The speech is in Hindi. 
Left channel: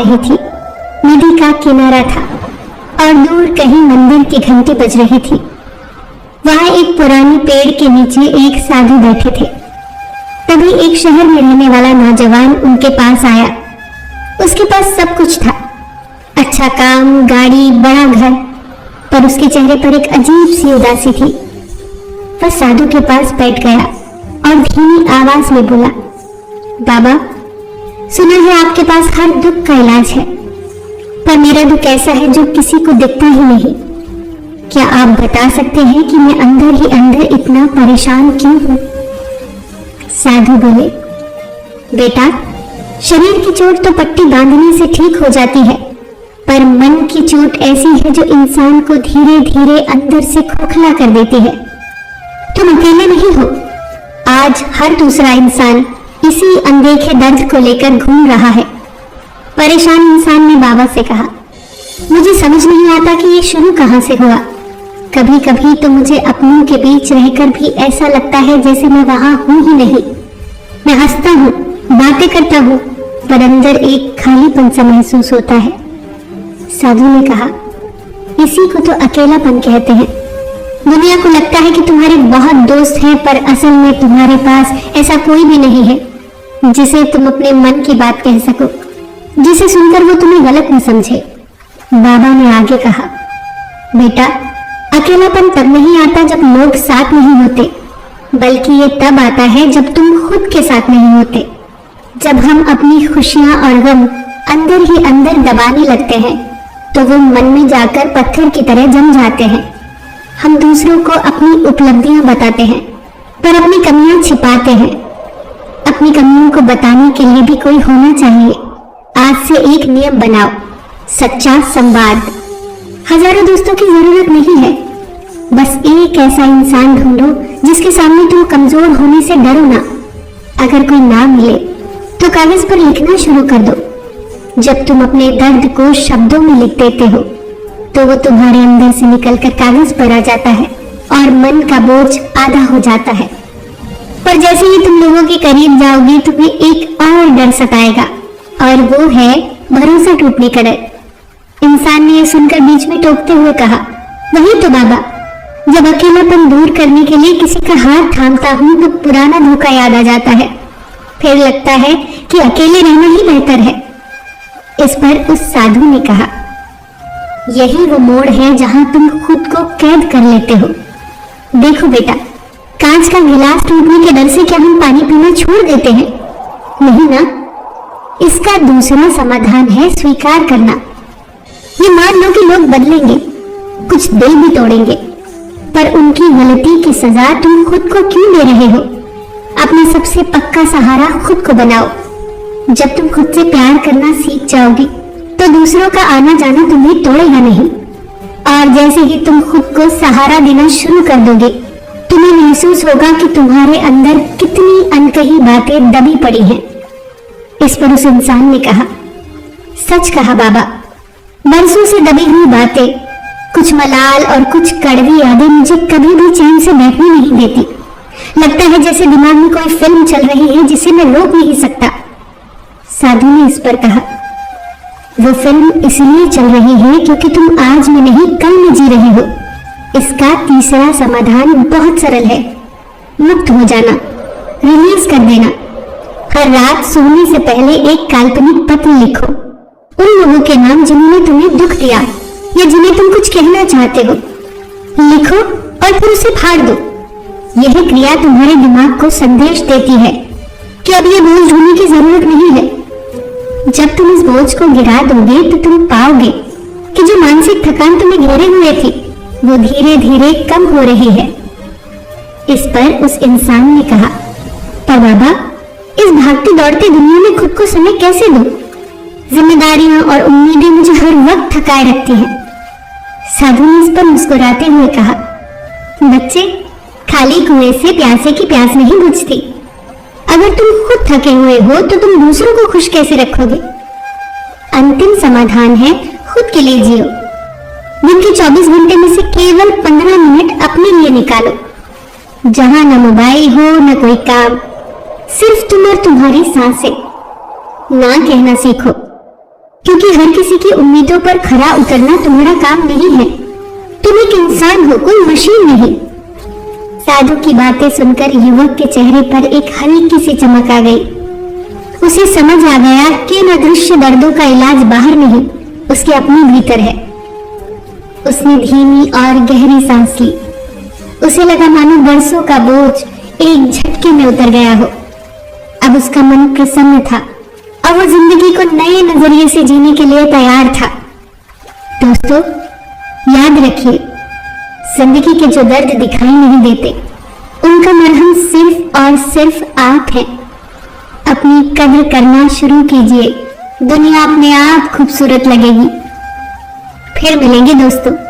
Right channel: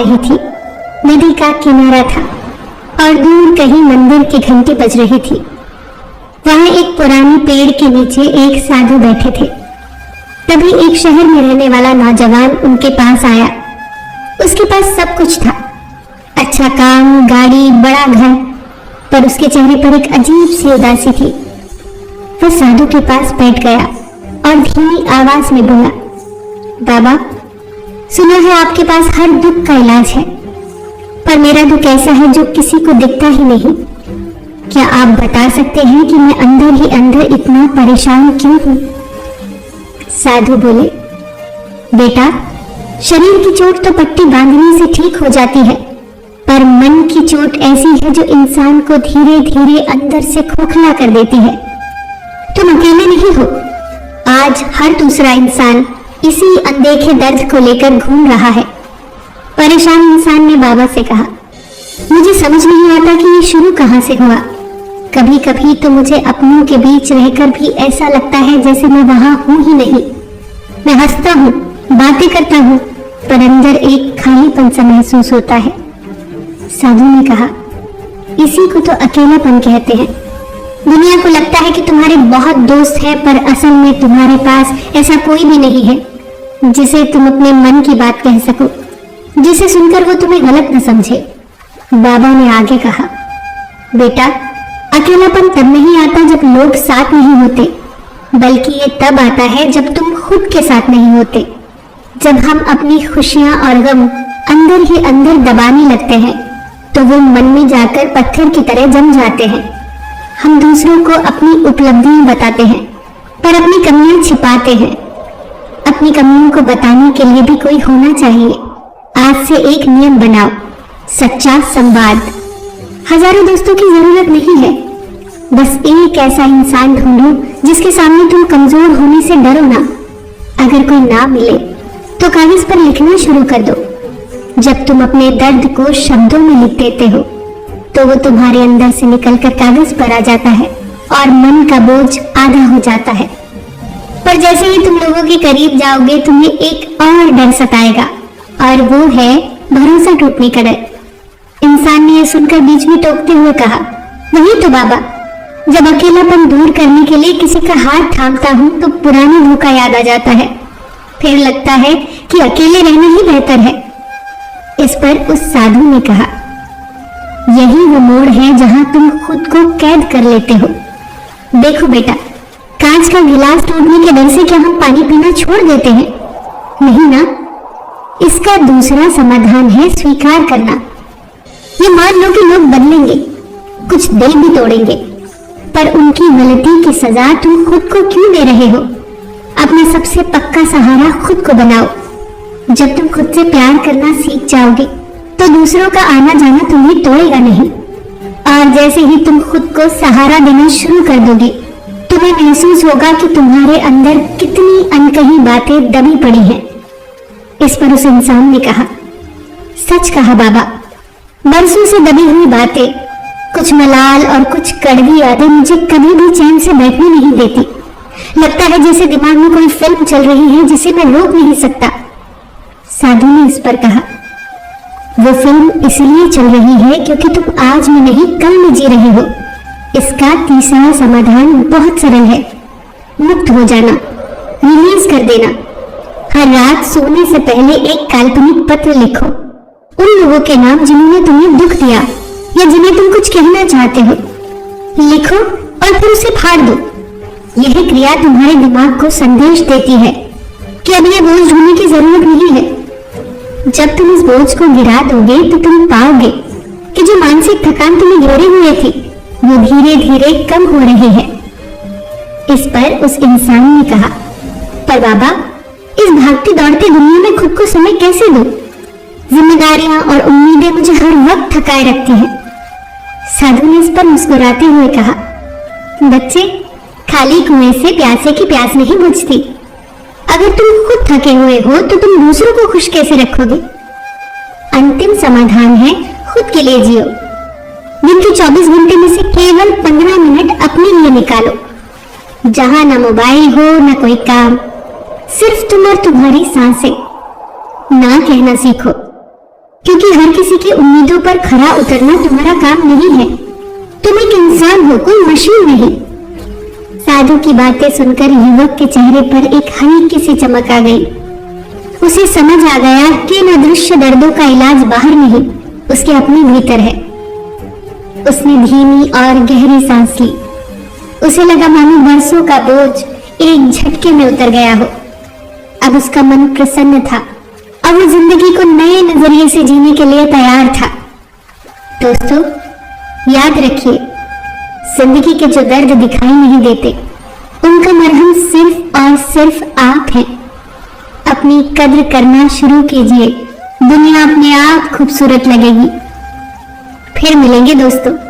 रही थी। नदी का किनारा था और दूर कहीं मंदिर की घंटी बज रही थी। वहां एक पुराने पेड़ के नीचे एक साधु बैठे थे। तभी एक शहर में रहने वाला नौजवान उनके पास आया। उसके पास सब कुछ था, अच्छा काम, गाड़ी, बड़ा घर, पर उसके चेहरे पर एक अजीब सी उदासी थी। वह साधु के पास बैठ गया और धीमी आवाज में बोला, बाबा, सुना है आपके पास हर दुख का इलाज है, पर मेरा दुख ऐसा है जो किसी को दिखता ही नहीं। क्या आप बता सकते हैं कि मैं अंदर ही अंदर इतना परेशान क्यों हूं? साधु बोले, बेटा, शरीर की चोट तो पट्टी बांधने से ठीक हो जाती है, पर मन की चोट ऐसी है जो इंसान को धीरे धीरे अंदर से खोखला कर देती है। तुम अकेले नहीं हो। आज हर दूसरा इंसान इसी अनदेखे दर्द को लेकर घूम रहा है। परेशान इंसान ने बाबा से कहा, मुझे समझ नहीं आता कि ये शुरू कहां से हुआ। कभी कभी तो मुझे अपनों के बीच रहकर भी ऐसा लगता है जैसे मैं वहां हूं ही नहीं। मैं हंसता हूँ, बातें करता हूँ, पर अंदर एक खालीपन सा महसूस होता है। साधु ने कहा, इसी को तो अकेलापन कहते हैं। दुनिया को लगता है कि तुम्हारे बहुत दोस्त हैं, पर असल में तुम्हारे पास ऐसा कोई भी नहीं है जिसे तुम अपने मन की बात कह सको, जिसे सुनकर वो तुम्हें गलत न समझे। बाबा ने आगे कहा, बेटा, अकेलापन तब नहीं आता जब लोग साथ नहीं होते, बल्कि ये तब आता है जब तुम खुद के साथ नहीं होते। जब हम अपनी खुशियां और गम अंदर ही अंदर दबाने लगते हैं तो वो मन में जाकर पत्थर की तरह जम जाते हैं। हम दूसरों को अपनी उपलब्धियां बताते हैं, पर अपनी कमियां छिपाते हैं। अपनी कमियों को बताने के लिए भी कोई होना चाहिए। आज से एक नियम बनाओ, सच्चा संवाद। हजारों दोस्तों की जरूरत नहीं है, बस एक ऐसा इंसान ढूंढो जिसके सामने तुम कमजोर होने से डरो ना। अगर कोई ना मिले तो कागज पर लिखना शुरू कर दो। जब तुम अपने दर्द को शब्दों में लिख देते हो तो वो तुम्हारे अंदर से निकलकर कागज पर आ जाता है और मन का बोझ आधा हो जाता है। पर जैसे ही तुम लोगों के करीब जाओगे तुम्हें एक और डर सताएगा, और वो है भरोसा टूटने का डर। इंसान ने यह सुनकर बीच में टोकते हुए कहा, वही तो बाबा, जब अकेलापन दूर करने के लिए किसी का हाथ थामता हूँ तो पुराना धोखा याद आ जाता है। फिर लगता है कि अकेले रहना ही बेहतर है। इस पर उस साधु ने कहा, यही वो मोड़ है जहां तुम खुद को कैद कर लेते हो। देखो बेटा, कांच का गिलास टूटने के डर से क्या हम पानी पीना छोड़ देते हैं? नहीं ना। इसका दूसरा समाधान है स्वीकार करना। ये मान लो कि लोग बदलेंगे, कुछ दिल भी तोड़ेंगे, पर उनकी गलती की सजा तुम खुद को क्यों दे रहे हो? अपने सबसे पक्का सहारा खुद को बनाओ। जब तुम खुद से प्यार करना सीख जाओगे तो दूसरों का आना जाना तुम्हें तोड़ेगा नहीं। और जैसे ही तुम खुद को सहारा देना शुरू कर दोगे तुम्हें महसूस होगा कि तुम्हारे अंदर कितनी अनकही बातें दबी पड़ी हैं। इस पर उस इंसान ने कहा, सच कहा बाबा, बरसों से दबी हुई बातें, कुछ मलाल और कुछ कड़वी यादें मुझे कभी भी चैन से बैठने नहीं देती। लगता है जैसे दिमाग में कोई फिल्म चल रही है जिसे मैं रोक नहीं सकता। साधु ने इस पर कहा, वो फिल्म इसलिए चल रही है क्योंकि तुम आज में नहीं कल में जी रहे हो। इसका तीसरा समाधान बहुत सरल है, मुक्त हो जाना, रिलीज कर देना। हर रात सोने से पहले एक काल्पनिक पत्र लिखो, उन लोगों के नाम जिन्होंने तुम्हें दुख दिया या जिन्हें तुम कुछ कहना चाहते हो। लिखो और फिर उसे फाड़ दो। यही क्रिया तुम्हारे दिमाग को संदेश देती है कि अब ये बोझ ढूंढने की जरूरत नहीं है। जब तुम इस बोझ को गिरा दोगे तो तुम पाओगे कि जो मानसिक थकान तुम्हें घेरे हुए थी वो धीरे धीरे कम हो रही है। इस पर उस इंसान ने कहा, पर बाबा, इस भागती दौड़ती दुनिया में खुद को समय कैसे दूं? जिम्मेदारियां और उम्मीदें मुझे हर वक्त थकाए रखती हैं। साधु ने इस पर मुस्कुराते हुए कहा, बच्चे, खाली कुएं से प्यासे की प्यास नहीं बुझती। अगर तुम खुद थके हुए हो तो तुम दूसरों को खुश कैसे रखोगे? अंतिम समाधान है खुद के लिए जियो। दिन के 24 घंटे में से केवल 15 मिनट अपने लिए निकालो, जहां न मोबाइल हो न कोई काम, सिर्फ तुम और तुम्हारी सांसें। ना कहना सीखो, क्योंकि हर किसी की उम्मीदों पर खरा उतरना तुम्हारा काम नहीं है। तुम एक इंसान हो, कोई मशीन नहीं। साधु की बातें सुनकर युवक के चेहरे पर एक हल्की सी चमक आ गई। उसे समझ आ गया कि इन अदृश्य दर्दों का इलाज बाहर नहीं, उसके अपने भीतर है। उसने धीमी और गहरी सांस ली। उसे लगा मानो बरसों का बोझ एक झटके में उतर गया हो। अब उसका मन प्रसन्न था। अब वो जिंदगी को नए नजरिए से जीने के लिए तैयार था। दोस्तों, याद रखिए, जिंदगी के जो दर्द दिखाई नहीं देते, उनका मरहम सिर्फ और सिर्फ आप है। अपनी कद्र करना शुरू कीजिए, दुनिया अपने आप खूबसूरत लगेगी। फिर मिलेंगे दोस्तों।